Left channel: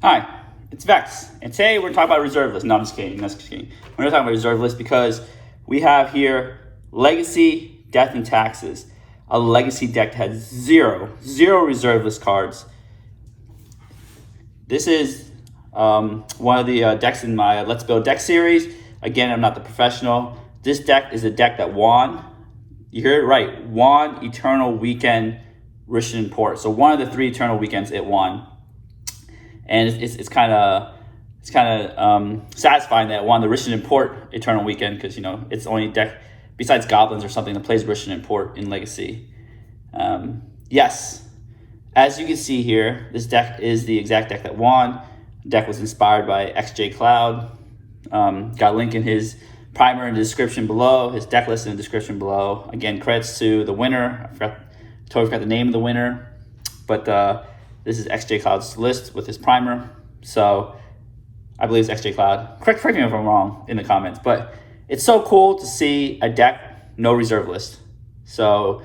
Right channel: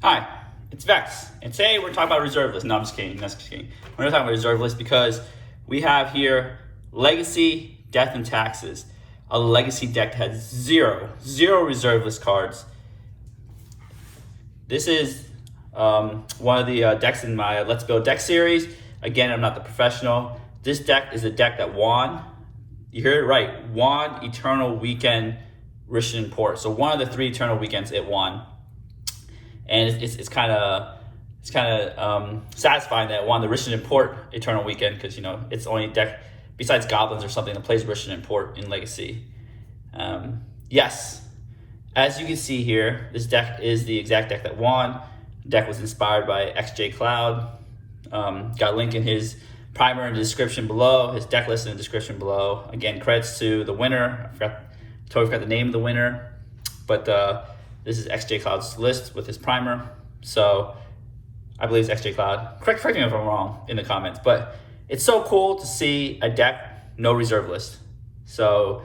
Hi, it's Vex, and today we're talking about reserve list. No, I'm just kidding. We're going to talk about reserve list because we have here Legacy, Death, and Taxes. A Legacy deck that has zero reserve list cards. This is one of the decks in my Let's Build deck series. Again, I'm not the professional. This deck is a deck that won. You heard it right. Won Eternal Weekend Rishon Port. So one of the 3 Eternal Weekends it won. And it's kind of satisfying that it won the Rishon Port Eternal Weekend because it's the only deck besides Goblins or something that plays Rishon Port in Legacy. Yes, as you can see here, this deck is the exact deck that won. The deck was inspired by XJ Cloud. Got a link in his primer in the description below. His deck list in the description below. Again, credits to the winner. Totally forgot the name of the winner, but this is XJ Cloud's list with his primer. So I believe it's XJ Cloud. Correct me if I'm wrong in the comments, but it's so cool to see a deck, no reserve list. So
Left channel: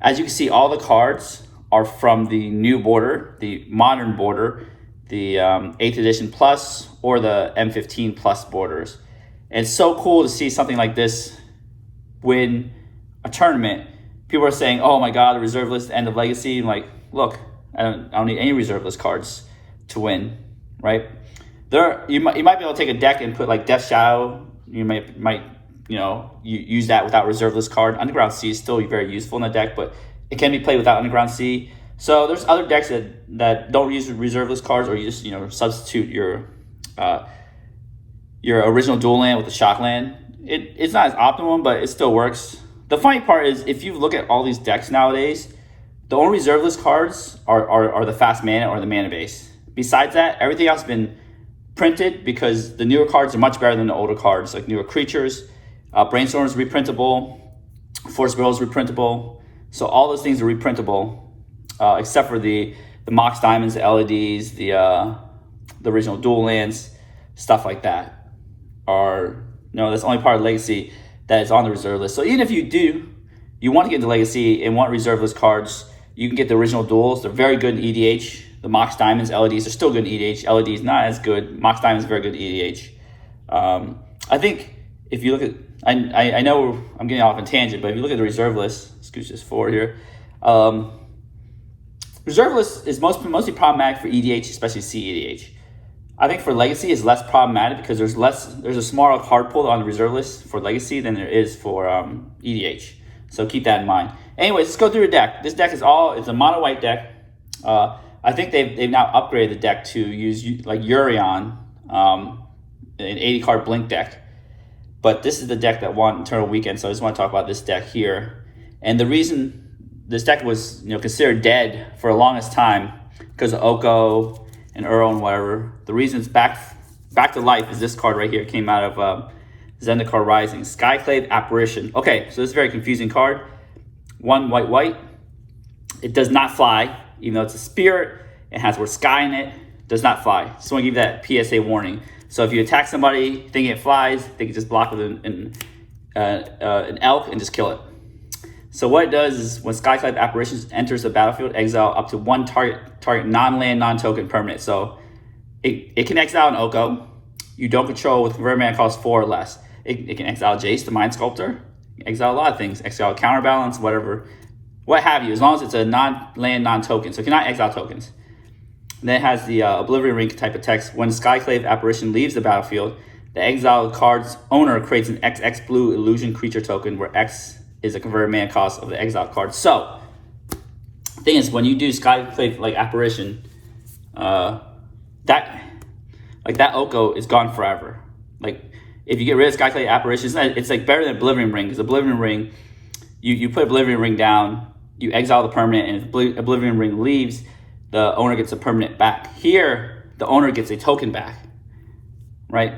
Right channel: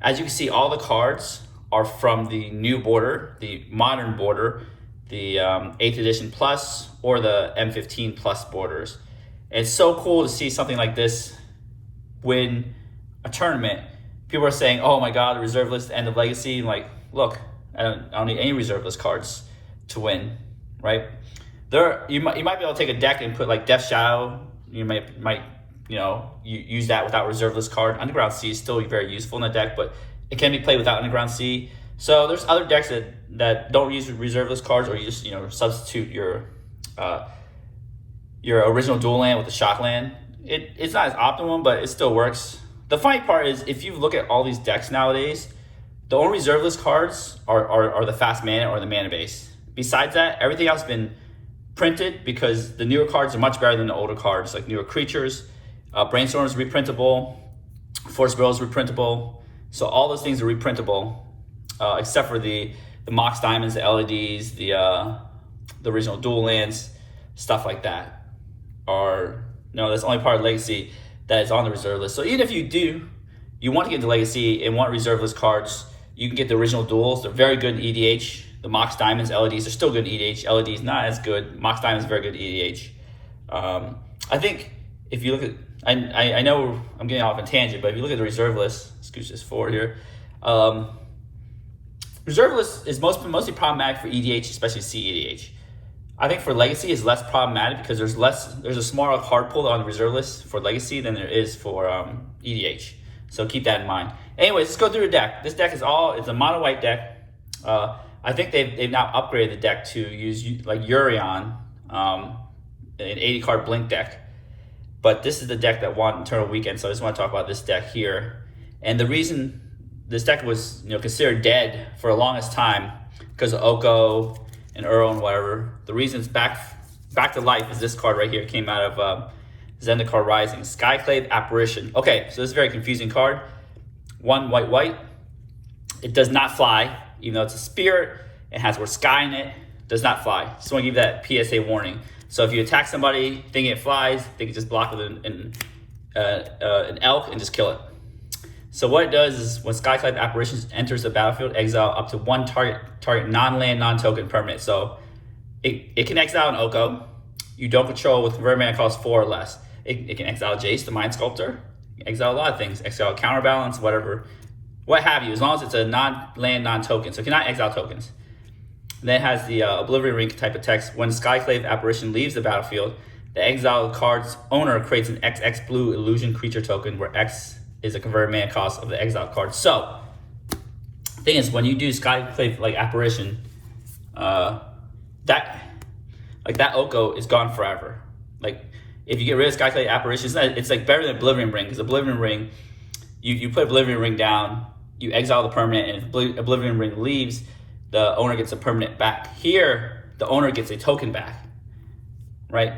as you can see, all the cards are from the new border, the modern border, the 8th edition plus or the M15 plus borders. And it's so cool to see something like this win a tournament. People are saying, oh my God, the reserve list, end of Legacy. I'm like, look, I don't need any reserve list cards to win, right? You might be able to take a deck and put like Death Shadow. You might use that without reserve list card. Underground Sea is still very useful in that deck, but it can be played without Underground Sea. So there's other decks that don't use reserve list cards, or you just substitute your original dual land with the shock land. It's not as optimum, but it still works. The funny part is if you look at all these decks nowadays, the only reserve list cards are the fast mana or the mana base. Besides that, everything else has been printed because the newer cards are much better than the older cards, like newer creatures. Brainstorm is reprintable, Force Will is reprintable. So all those things are reprintable, except for the Mox Diamonds, the LEDs, the original dual lands, stuff like that. That's only part of Legacy that is on the reserve list. So even if you want to get into Legacy and want reserve list cards, you can get the original duels. They're very good in EDH. The Mox Diamonds, LEDs are still good in EDH. LEDs not as good. Mox Diamonds very good in EDH. I think if you look at, I know I'm getting off on a tangent, but if you look at the reserve list, scooch this forward here. Reserve list is mostly problematic for EDH, especially CEDH. I think for Legacy it's less problematic because there's a smaller card pool on the reserve list for Legacy than there is for EDH. So keep that in mind. Anyways, let's go through the deck. This deck it's a mono white deck. I think they've now upgraded the deck to use like Urion, an 80 card blink deck. But this is the deck that won Eternal Weekend, so I just want to talk about this deck here. And the reason this deck was considered dead for the longest time because of Oko and Earl and whatever. The reason it's back to life is this card right here. It came out of Zendikar Rising, Skyclave Apparition. Okay, so this is a very confusing card. 1 white. It does not fly, even though it's a spirit. It has the word sky in it. Does not fly. Just want to give that PSA warning. So if you attack somebody thinking it flies, they can just block with an elk and just kill it. So what it does is when Skyclave Apparition enters the battlefield, exile up to 1 target non-land, non-token permanent. So it can exile an Oko. You don't control with convert mana cost 4 or less. It can exile Jace, the Mind Sculptor. Exile a lot of things. Exile Counterbalance, whatever. What have you, as long as it's a non-land, non-token. So it cannot exile tokens. And then it has the Oblivion Ring type of text. When Skyclave Apparition leaves the battlefield, the exiled card's owner creates an XX blue illusion creature token where X is a converted mana cost of the exiled card. So, the thing is, when you do Skyclave like Apparition, that Oko is gone forever. Like, if you get rid of Skyclave Apparition, it's like better than Oblivion Ring, because Oblivion Ring, you put Oblivion Ring down, you exile the permanent, and if Oblivion Ring leaves, the owner gets a permanent back. Here, the owner gets a token back, right?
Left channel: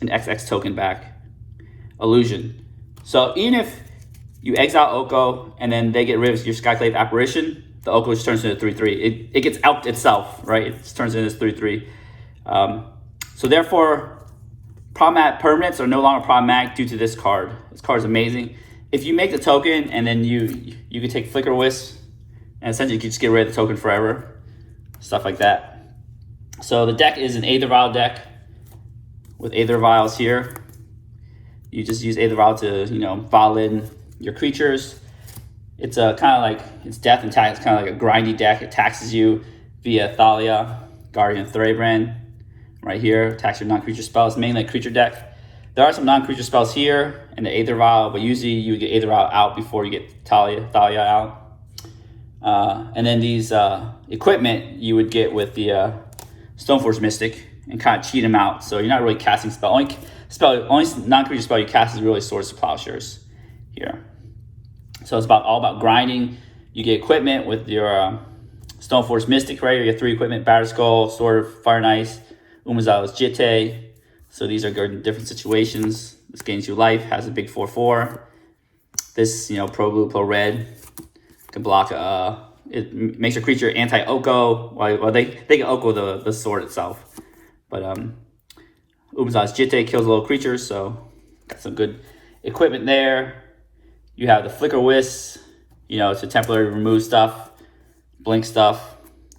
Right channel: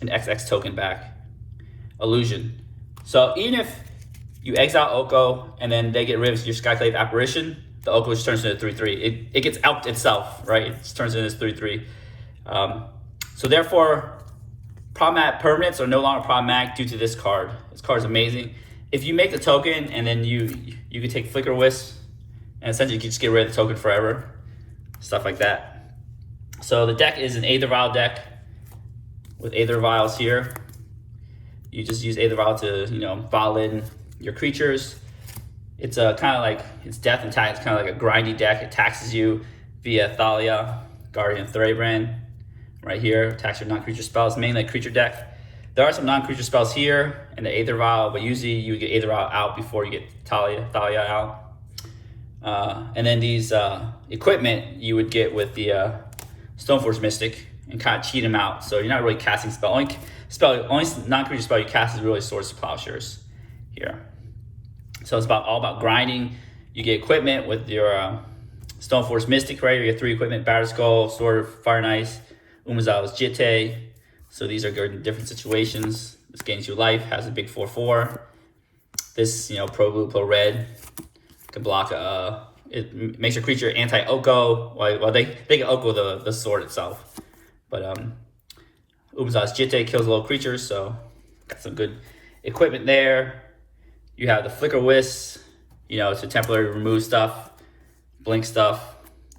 An XX token back. Illusion. So even if you exile Oko and then they get rid of your Skyclave Apparition, the Oko just turns into 3/3. It gets elked itself, right? It just turns into 3/3. So therefore, problematic permanents are no longer problematic due to this card. This card is amazing. If you make the token and then you can take Flicker Wisp and essentially you can just get rid of the token forever. Stuff like that. So the deck is an Aether Vial deck with Aether Vials here. You just use Aether Vial to, vial in your creatures. It's kind of like, it's death and tax. It's kind of like a grindy deck. It taxes you via Thalia, Guardian of Thrabrand, right here. Attacks your non-creature spells, mainly a creature deck. There are some non-creature spells here in the Aether Vial, but usually you would get Aether Vial out before you get Thalia out. And then these equipment you would get with the Stoneforge Mystic and kind of cheat them out. So you're not really casting spell. Only non-creature spell you cast is really Swords to Plowshares here. So it's all about grinding. You get equipment with your Stoneforge Mystic, right? You get 3 equipment: Batterskull, Skull, Sword of Fire and Ice, Umezawa's Jitte. So these are good in different situations. This gains you life, has a big 4/4. This, pro blue, pro red, can block. It makes your creature anti-Oko. Well, they can Oko the sword itself, but Umezawa's Jitte kills little creatures, so got some good equipment there. You have the Flicker Wisp, to temporarily remove stuff, blink stuff,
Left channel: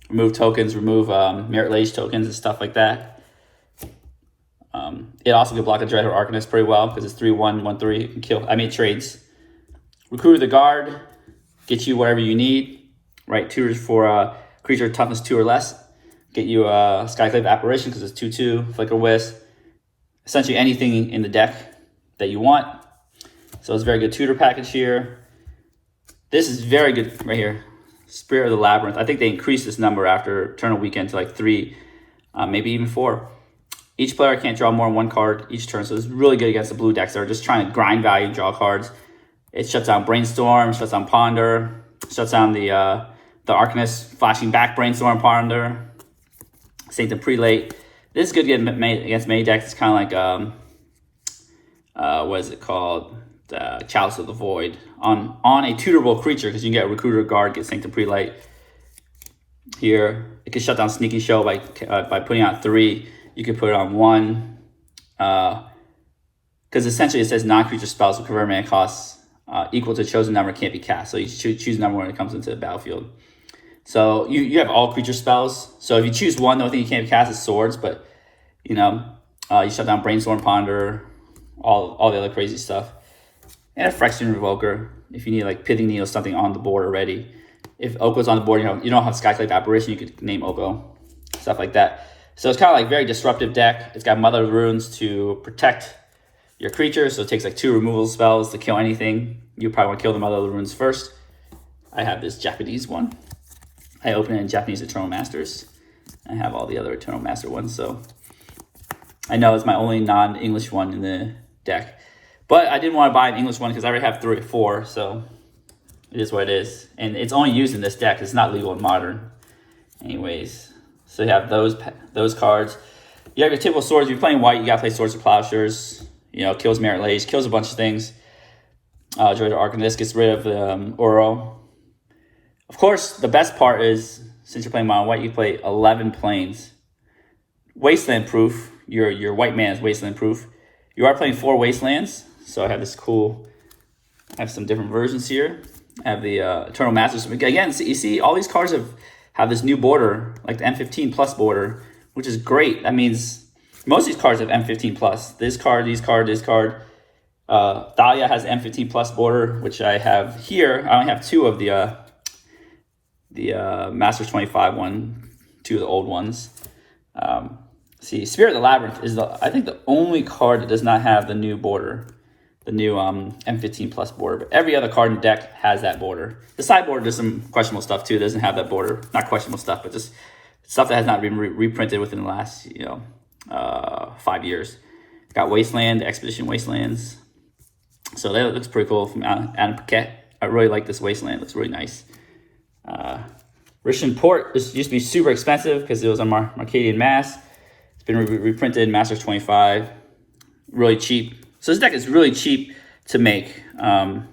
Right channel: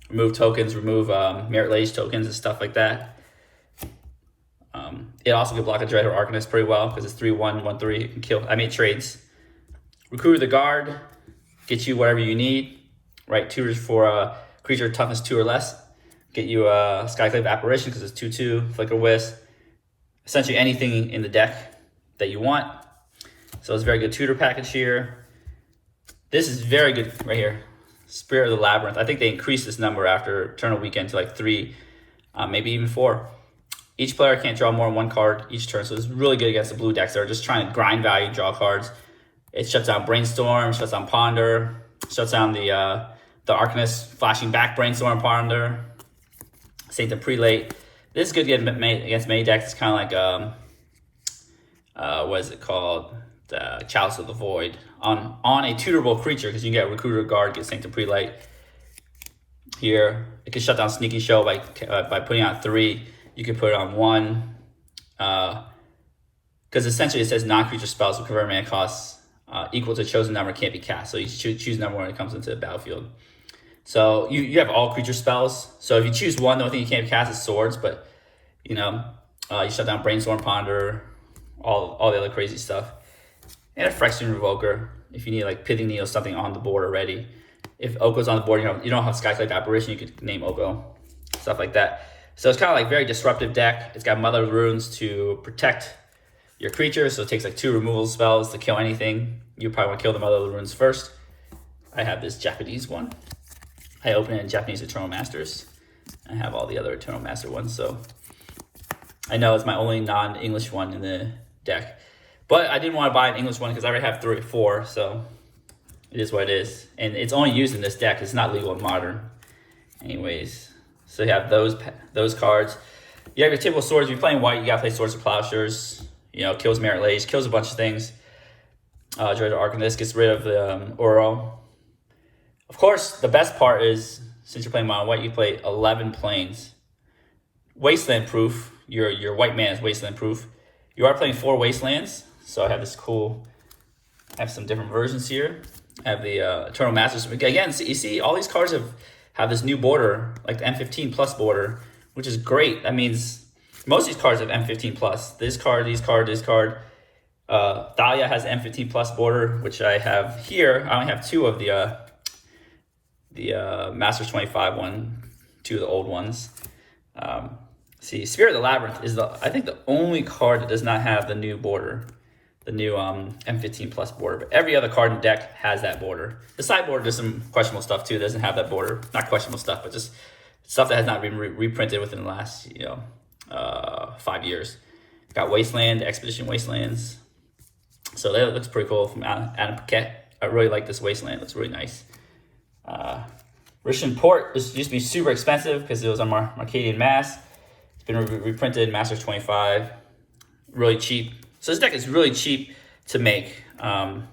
remove tokens, remove Merit Lage tokens and stuff like that. It also can block a Dreadhorde Arcanist pretty well because it's 3/1, 1/3. It can kill. It trades. Recruit the Guard, get you whatever you need. Right, tutors for creature toughness 2 or less. Get you a Skyclave Apparition because it's 2/2. Flicker Wisp. Essentially anything in the deck that you want. So it's a very good tutor package here. This is very good right here. Spirit of the Labyrinth. I think they increased this number after Eternal Weekend to like 3, maybe even 4. Each player can't draw more than 1 card each turn, so it's really good against the blue decks that are just trying to grind value, draw cards. It shuts down Brainstorm, shuts down Ponder, shuts down the Arcanist, flashing back Brainstorm, Ponder, Sanctum Prelate. This is good against many decks. It's kind of like, what is it called? The Chalice of the Void. On a tutorable creature, because you can get a Recruiter Guard, get Sanctum Prelate. Here, it can shut down Sneaky Show by putting out 3. You can put it on 1, because essentially it says non-creature spells with convert mana costs equal to chosen number can't be cast. So you choose number when it comes into the battlefield. So you have all creature spells. So if you choose 1, the only thing you can't be cast is swords, but you shut down Brainstorm, Ponder, all the other crazy stuff. And a Phyrexian Revoker if you need like Pithing Needle, something on the board already. If Oko's on the board, you don't have Skyclave Apparition, you could name Oko, stuff like that. So it's kind of like very disruptive deck. It's got Mother of Runes to protect your creatures, so it takes like 2 removal spells to kill anything. You probably want to kill the Mother of the Runes first. I have this Japanese one. I open it in Japanese Eternal Masters. I have all the other Eternal Master ones, so I know it's my only non-English one in the deck. But I didn't want to buy an English one because I already have 3 or 4, so it is what it is. And it's only used in this deck. It's not legal in Modern. Anyways, so you have those cards. You have your typical swords. If you're playing white, you got to play Swords of Plowshares. Kills Merit Lage, kills a bunch of things. Dreadhorde Arcanist gets rid of the Uro. Of course, the best part is, since you're playing mono white, you play 11 planes. Wasteland proof. Your white man is wasteland proof. You are playing 4 wastelands. So I have this cool, I have some different versions here. I have the Eternal Masters. Again, you see all these cards have this new border, like the M15 plus border, which is great. That means most of these cards have M15 plus. This card, this card. Thalia has M15 plus border, which I have here. I only have 2 of the Masters 25 one, 2 of the old ones. See, Spirit of the Labyrinth is I think the only card that does not have the new border, the new M15 plus border. But every other card in the deck has that border. The sideboard does some questionable stuff too. It doesn't have that border. Not questionable stuff, but just stuff that has not been reprinted within the last 5 years. Got Wasteland, Expedition Wastelands. So that looks pretty cool from Adam Paquette. I really like this Wasteland. It looks really nice. Rishon Port used to be super expensive because it was on Marcadian Mass. It's been reprinted in Masters 25. Really cheap. So this deck is really cheap to make. And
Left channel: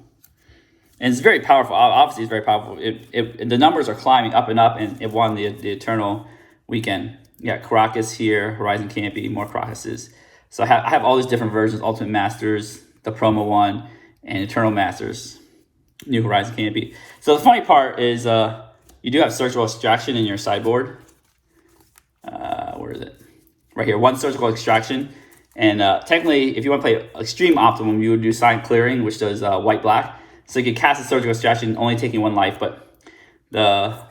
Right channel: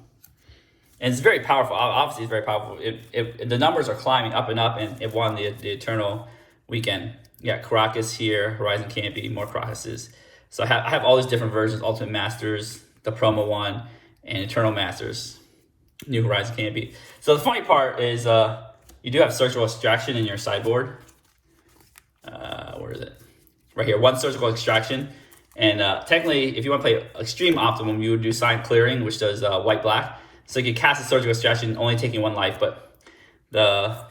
it's very powerful. Obviously, it's very powerful. The numbers are climbing up and up, and it won the Eternal Weekend. You got Karakas here, Horizon Canopy, more Karakases. So I have all these different versions, Ultimate Masters, the promo one, and Eternal Masters, New Horizon Canopy. So the funny part is you do have Surgical Extraction in your sideboard. Where right here, 1 surgical extraction. And technically, if you want to play extreme optimum, you would do sign clearing, which does white black. So you can cast a surgical extraction, only taking 1 life, but the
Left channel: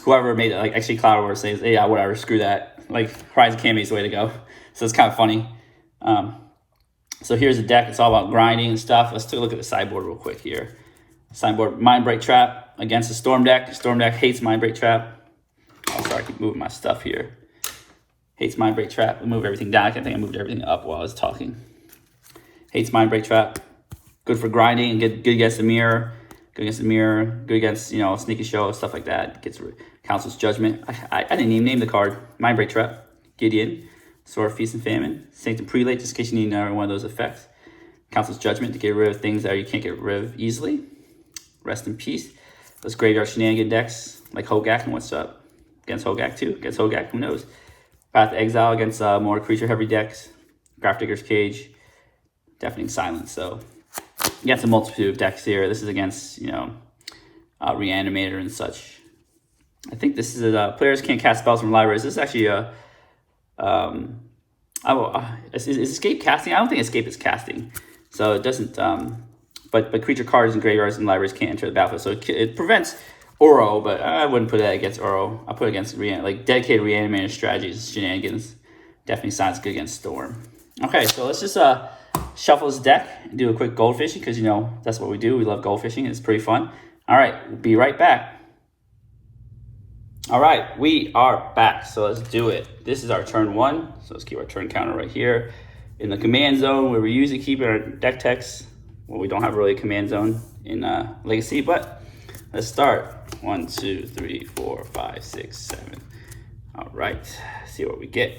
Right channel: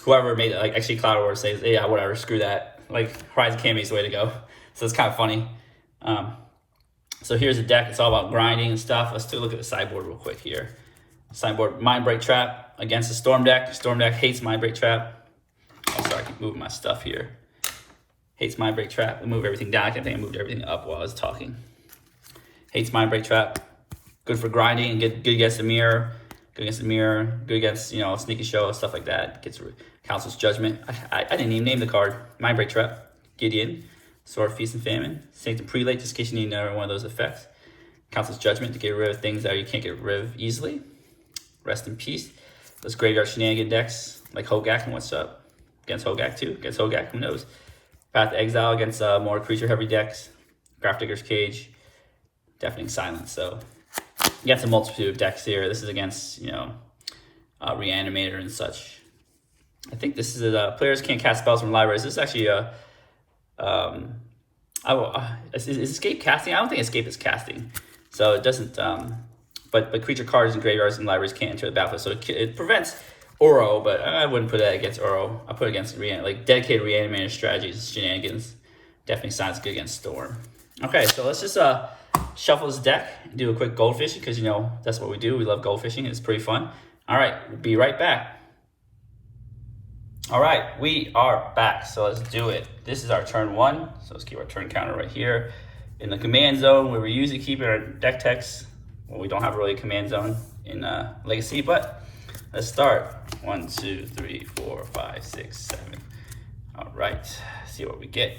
whoever made it, like actually Cloud War, says, hey, yeah, whatever, screw that. Like Horizon Kami is the way to go. So it's kind of funny. So here's the deck. It's all about grinding and stuff. Let's take a look at the sideboard real quick here. Sideboard, Mindbreak Trap against the Storm deck. The Storm deck hates Mindbreak Trap. Oh, sorry, I keep moving my stuff here. Hates Mindbreak Trap. I move everything down. I think I moved everything up while I was talking. Hates Mindbreak Trap. Good for grinding. Good against the mirror. Good against the mirror. Good against, you know, Sneaky Show, stuff like that. Gets Council's Judgment. I didn't even name the card. Mindbreak Trap. Gideon. Sword of Feast and Famine. Sanctum Prelate, just in case you need another one of those effects. Council's Judgment to get rid of things that you can't get rid of easily. Rest in peace. Those graveyard shenanigan decks, like Hogak, and what's up? Against Hogak too. Against Hogak, who knows? Path to Exile against more creature-heavy decks. Grafdigger's Cage. Deafening Silence. So, against a multitude of decks here. This is against, you know, Reanimator and such. I think this is players can't cast spells from libraries. This is actually a is escape casting? I don't think escape is casting, so it doesn't. But creature cards and graveyards and libraries can't enter the battlefield, so it prevents Oro. But I wouldn't put that against Oro. I put it against like dedicated reanimator strategies, shenanigans. Definitely sounds good against Storm. Okay, so let's just shuffle this deck and do a quick gold fishing because you know that's what we do. We love gold fishing. It's pretty fun. All right, we'll be right back. All right, we are back, so let's do it. This is our turn 1, so let's keep our turn counter right here. In the command zone, where we usually keep our deck text. Well, we don't have really a command zone in Legacy, but let's start. 1, 2, 3, 4, 5, 6, 7. All right, see what we get.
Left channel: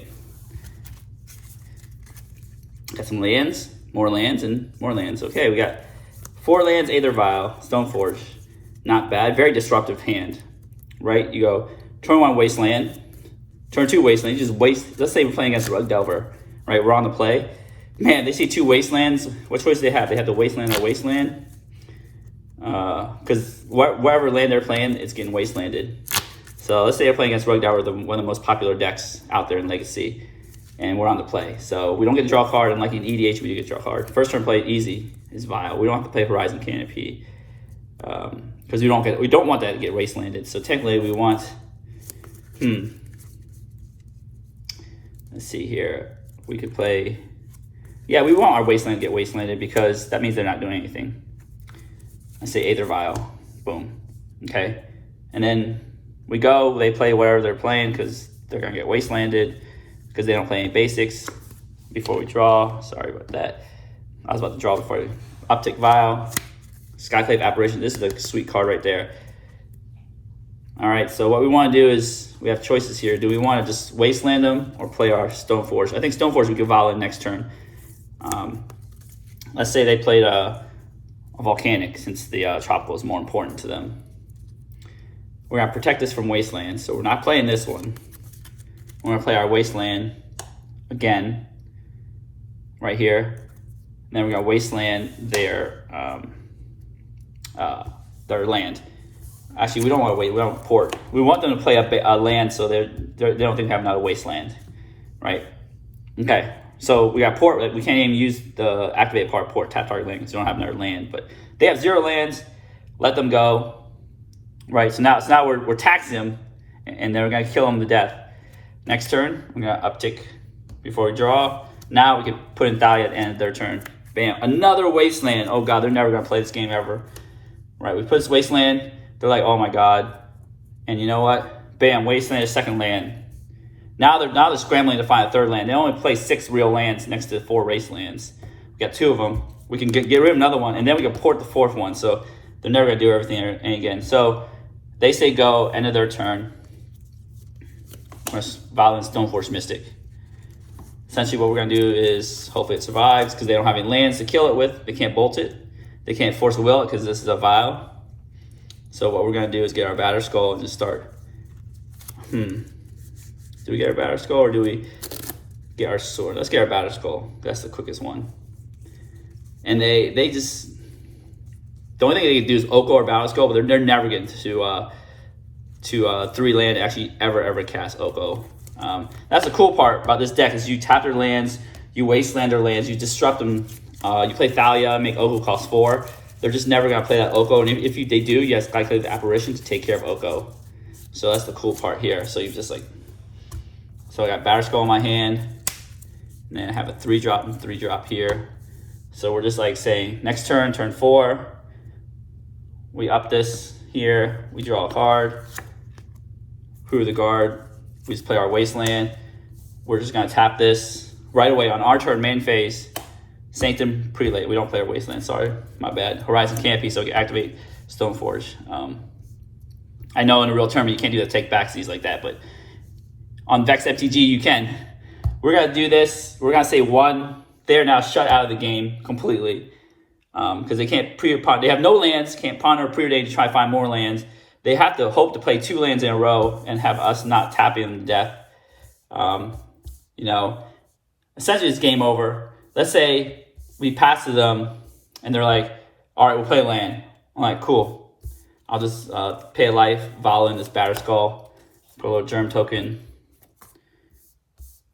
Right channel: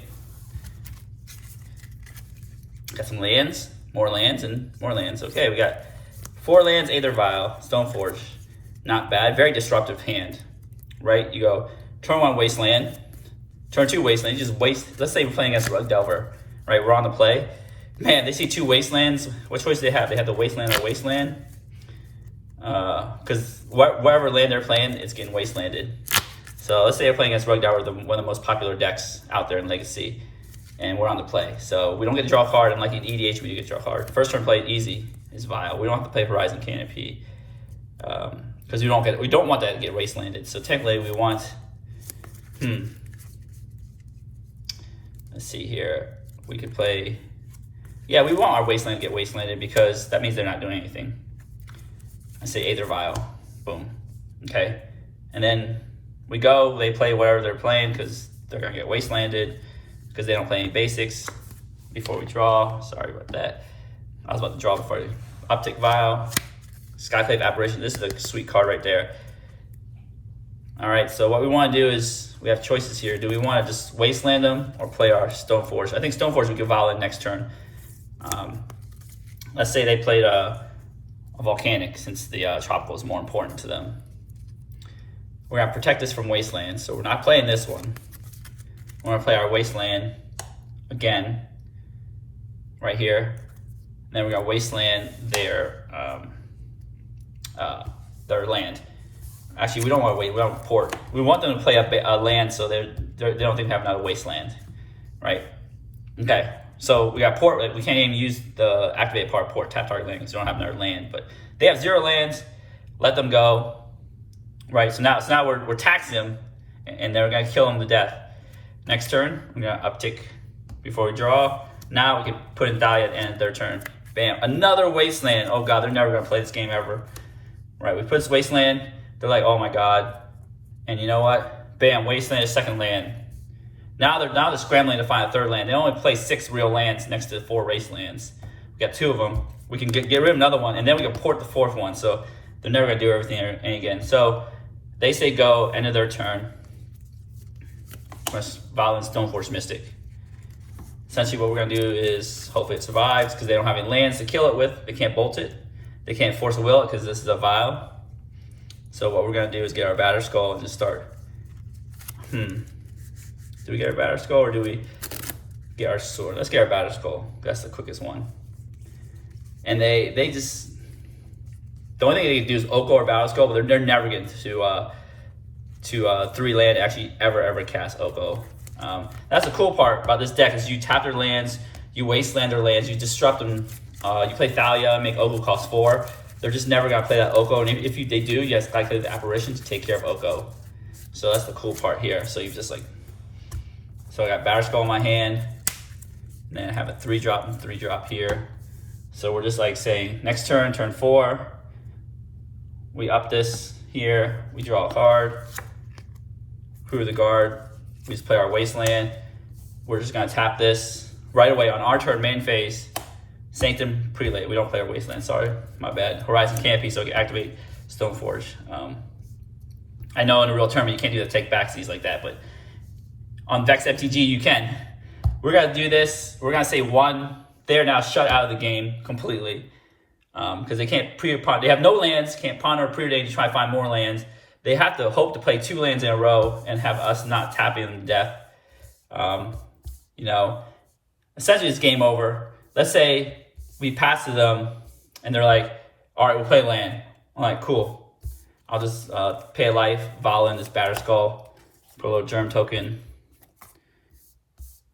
Got some lands, more lands, and more lands. Okay, we got 4 lands, Aether Vial, Stoneforge. Not bad, very disruptive hand. Right, you go turn 1 Wasteland, turn 2 Wasteland, you just waste. Let's say we're playing against Rug Delver, right? We're on the play. Man, they see 2 Wastelands. What choice do they have? They have the Wasteland or Wasteland. Because wherever land they're playing, it's getting Wastelanded. So let's say they're playing against Rug Delver, one of the most popular decks out there in Legacy, and we're on the play. So we don't get to draw a card, and like in EDH, we do get to draw a card. First turn play easy is Vial. We don't have to play Horizon Canopy. Because we don't want that to get wastelanded. So technically we want, let's see here. We could play, yeah, we want our wasteland to get wastelanded because that means they're not doing anything. I say Aether Vial, boom, okay. And then they play whatever they're playing because they're gonna get wastelanded because they don't play any basics before we draw. Sorry about that. I was about to draw before Uptick Vial. Skyclave Apparition, this is a sweet card right there. All right, so what we want to do is, we have choices here. Do we want to just wasteland them or play our Stoneforge? I think Stoneforge we could Vial in next turn. Let's say they played a Volcanic since the Tropical is more important to them. We're going to protect this from Wasteland, so we're not playing this one. We're going to play our Wasteland again, right here. And then we're going to Wasteland their land. Actually, we don't want to wait. We don't port. We want them to play a land so they don't think we have another Wasteland, right? Okay, so we got port. We can't even use the activated part port tap target land because we don't have another land. But they have 0 lands. Let them go, right? So now we're taxing them, and then we're gonna kill them to death. Next turn, we're gonna uptick before we draw. Now we can put in Thalia at the end of their turn. Bam, another Wasteland. Oh God, they're never gonna play this game ever. Right, we put this Wasteland, they're like, oh my God. And you know what? Bam, Wasteland is second land. Now they're scrambling to find a third land. They only play 6 real lands next to 4 Wastelands. We got 2 of them. We can get rid of another one, and then we can port the 4th one. So they're never gonna do everything again. So they say go, end of their turn. Violent Stoneforge Mystic. Essentially what we're gonna do is, hopefully it survives, because they don't have any lands to kill it with. They can't bolt it. They can't force a will it because this is a Vial. So what we're gonna do is get our Batter Skull and just start. Do we get our Batter Skull or do we get our sword? Let's get our Batter Skull. That's the quickest one. And they just, the only thing they can do is Oko or Batter Skull, but they're never getting to 3 land actually ever cast Oko. That's the cool part about this deck is you tap their lands, you wasteland their lands, you disrupt them. You play Thalia, make Oko cost 4. They're just never gonna play that Oko, and if they do, you have Skyclave Apparition to take care of Oko. So that's the cool part here. So you just like, so I got Batter Skull in my hand, and then I have a 3-drop and 3-drop here. So we're just like saying, next turn, turn 4, we up this here, we draw a card, Crew the Guard, we just play our Wasteland. We're just gonna tap this right away on our turn, main phase. Sanctum Prelate, we don't play our Wasteland, sorry, my bad. Horizon Canopy, so I can activate Stoneforge. I know in a real tournament you can't do the take backsies like that, but on Vex MTG you can. We're gonna do this, we're gonna say 1. They're now shut out of the game completely because they can't they have no lands, can't pawn or preordain to try to find more lands. They have to hope to play 2 lands in a row and have us not tapping them to death. You know, essentially it's game over. Let's say we pass to them and they're like, all right, we'll play land. I'm like, cool. I'll just pay a life, Vala in this Batter Skull, put a little Germ token.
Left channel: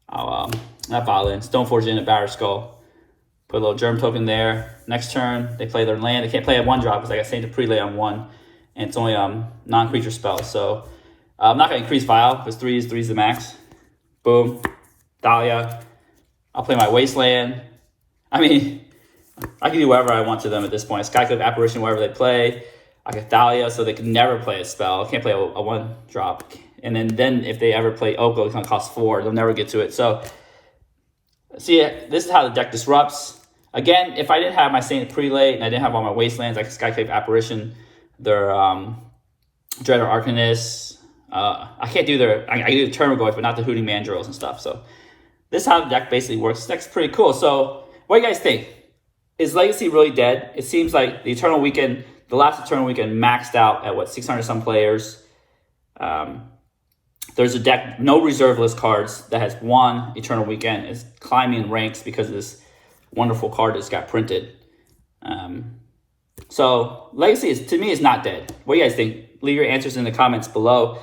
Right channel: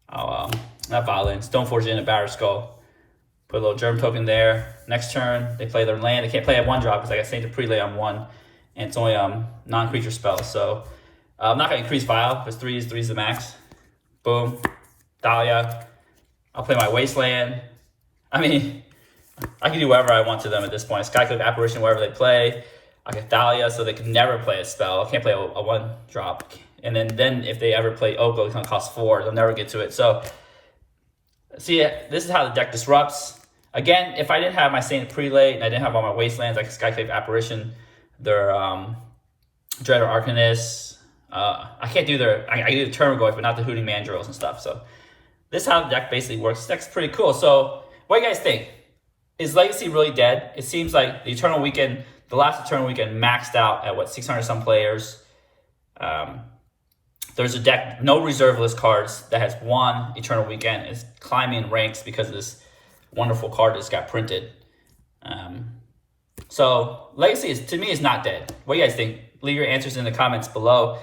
I'll not Vala in, Stoneforge in a Batter Skull. Put a little Germ token there. Next turn, they play their land. They can't play a 1-drop because I got Saint to Prelay on 1. And it's only non-creature spells. So I'm not going to increase Vial because 3 is the max. Boom. Dahlia. I'll play my Wasteland. I mean, I can do whatever I want to them at this point. Skyclave Apparition, whatever they play. I get Thalia, so they can never play a spell. Can't play a 1-drop. And then if they ever play Oko, it's going to cost 4. They'll never get to it. So, see, this is how the deck disrupts. Again, if I didn't have my Saint Prelate and I didn't have all my Wastelands, like Skyclave Apparition, their Dreader Arcanist, I can't do I do the Termagoyf, but not the Hooting Mandrills and stuff. So this is how the deck basically works. This deck's pretty cool. So what do you guys think? Is Legacy really dead? It seems like the Eternal Weekend, the last Eternal Weekend maxed out at what, 600 some players. There's a deck, no reserve list cards, that has won Eternal Weekend, is climbing in ranks because of this wonderful card that's got printed. So Legacy is, to me, is not dead. What do you guys think? Leave your answers in the comments below.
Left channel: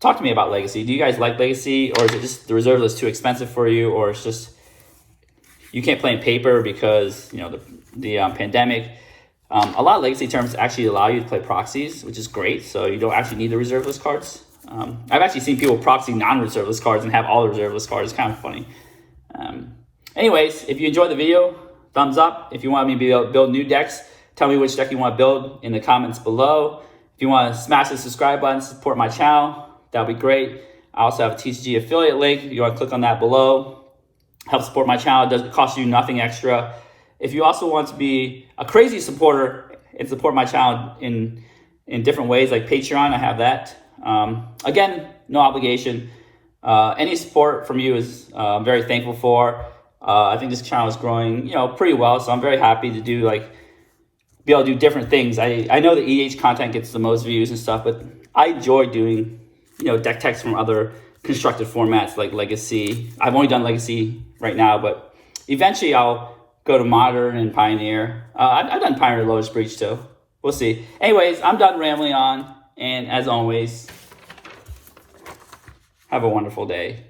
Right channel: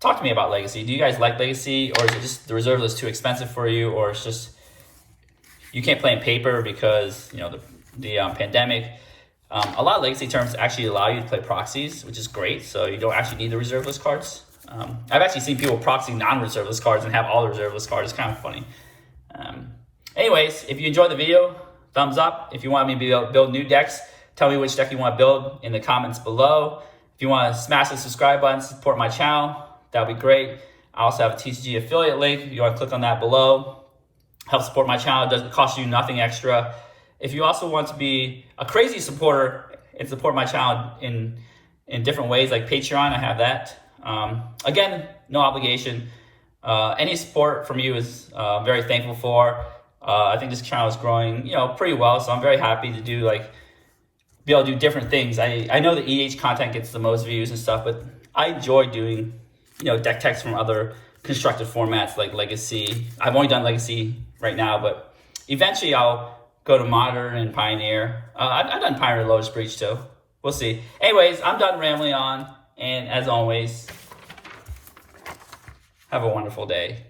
Talk to me about Legacy. Do you guys like Legacy, or is it just the reserve list too expensive for you, or it's just you can't play in paper because, you know, the pandemic? A lot of Legacy terms actually allow you to play proxies, which is great. So you don't actually need the reserve list cards. I've actually seen people proxy non-reserve list cards and have all the reserve list cards. It's kind of funny. Anyways, if you enjoyed the video, thumbs up. If you want me to build new decks, tell me which deck you want to build in the comments below. If you want to smash the subscribe button, support my channel, that'd be great. I also have a TCG affiliate link. If you want to click on that below, help support my channel. It doesn't cost you nothing extra. If you also want to be a crazy supporter and support my channel in different ways, like Patreon, I have that. Again, no obligation. Any support from you is I'm very thankful for. I think this channel is growing, you know, pretty well, so I'm very happy to be able to do different things. I know the EDH content gets the most views and stuff, but I enjoy doing, you know, deck techs from other constructed formats like Legacy. I've only done Legacy right now, but eventually I'll go to Modern and Pioneer. I've done Pioneer Lotus Breach too. We'll see. Anyways, I'm done rambling on, and as always, have a wonderful day.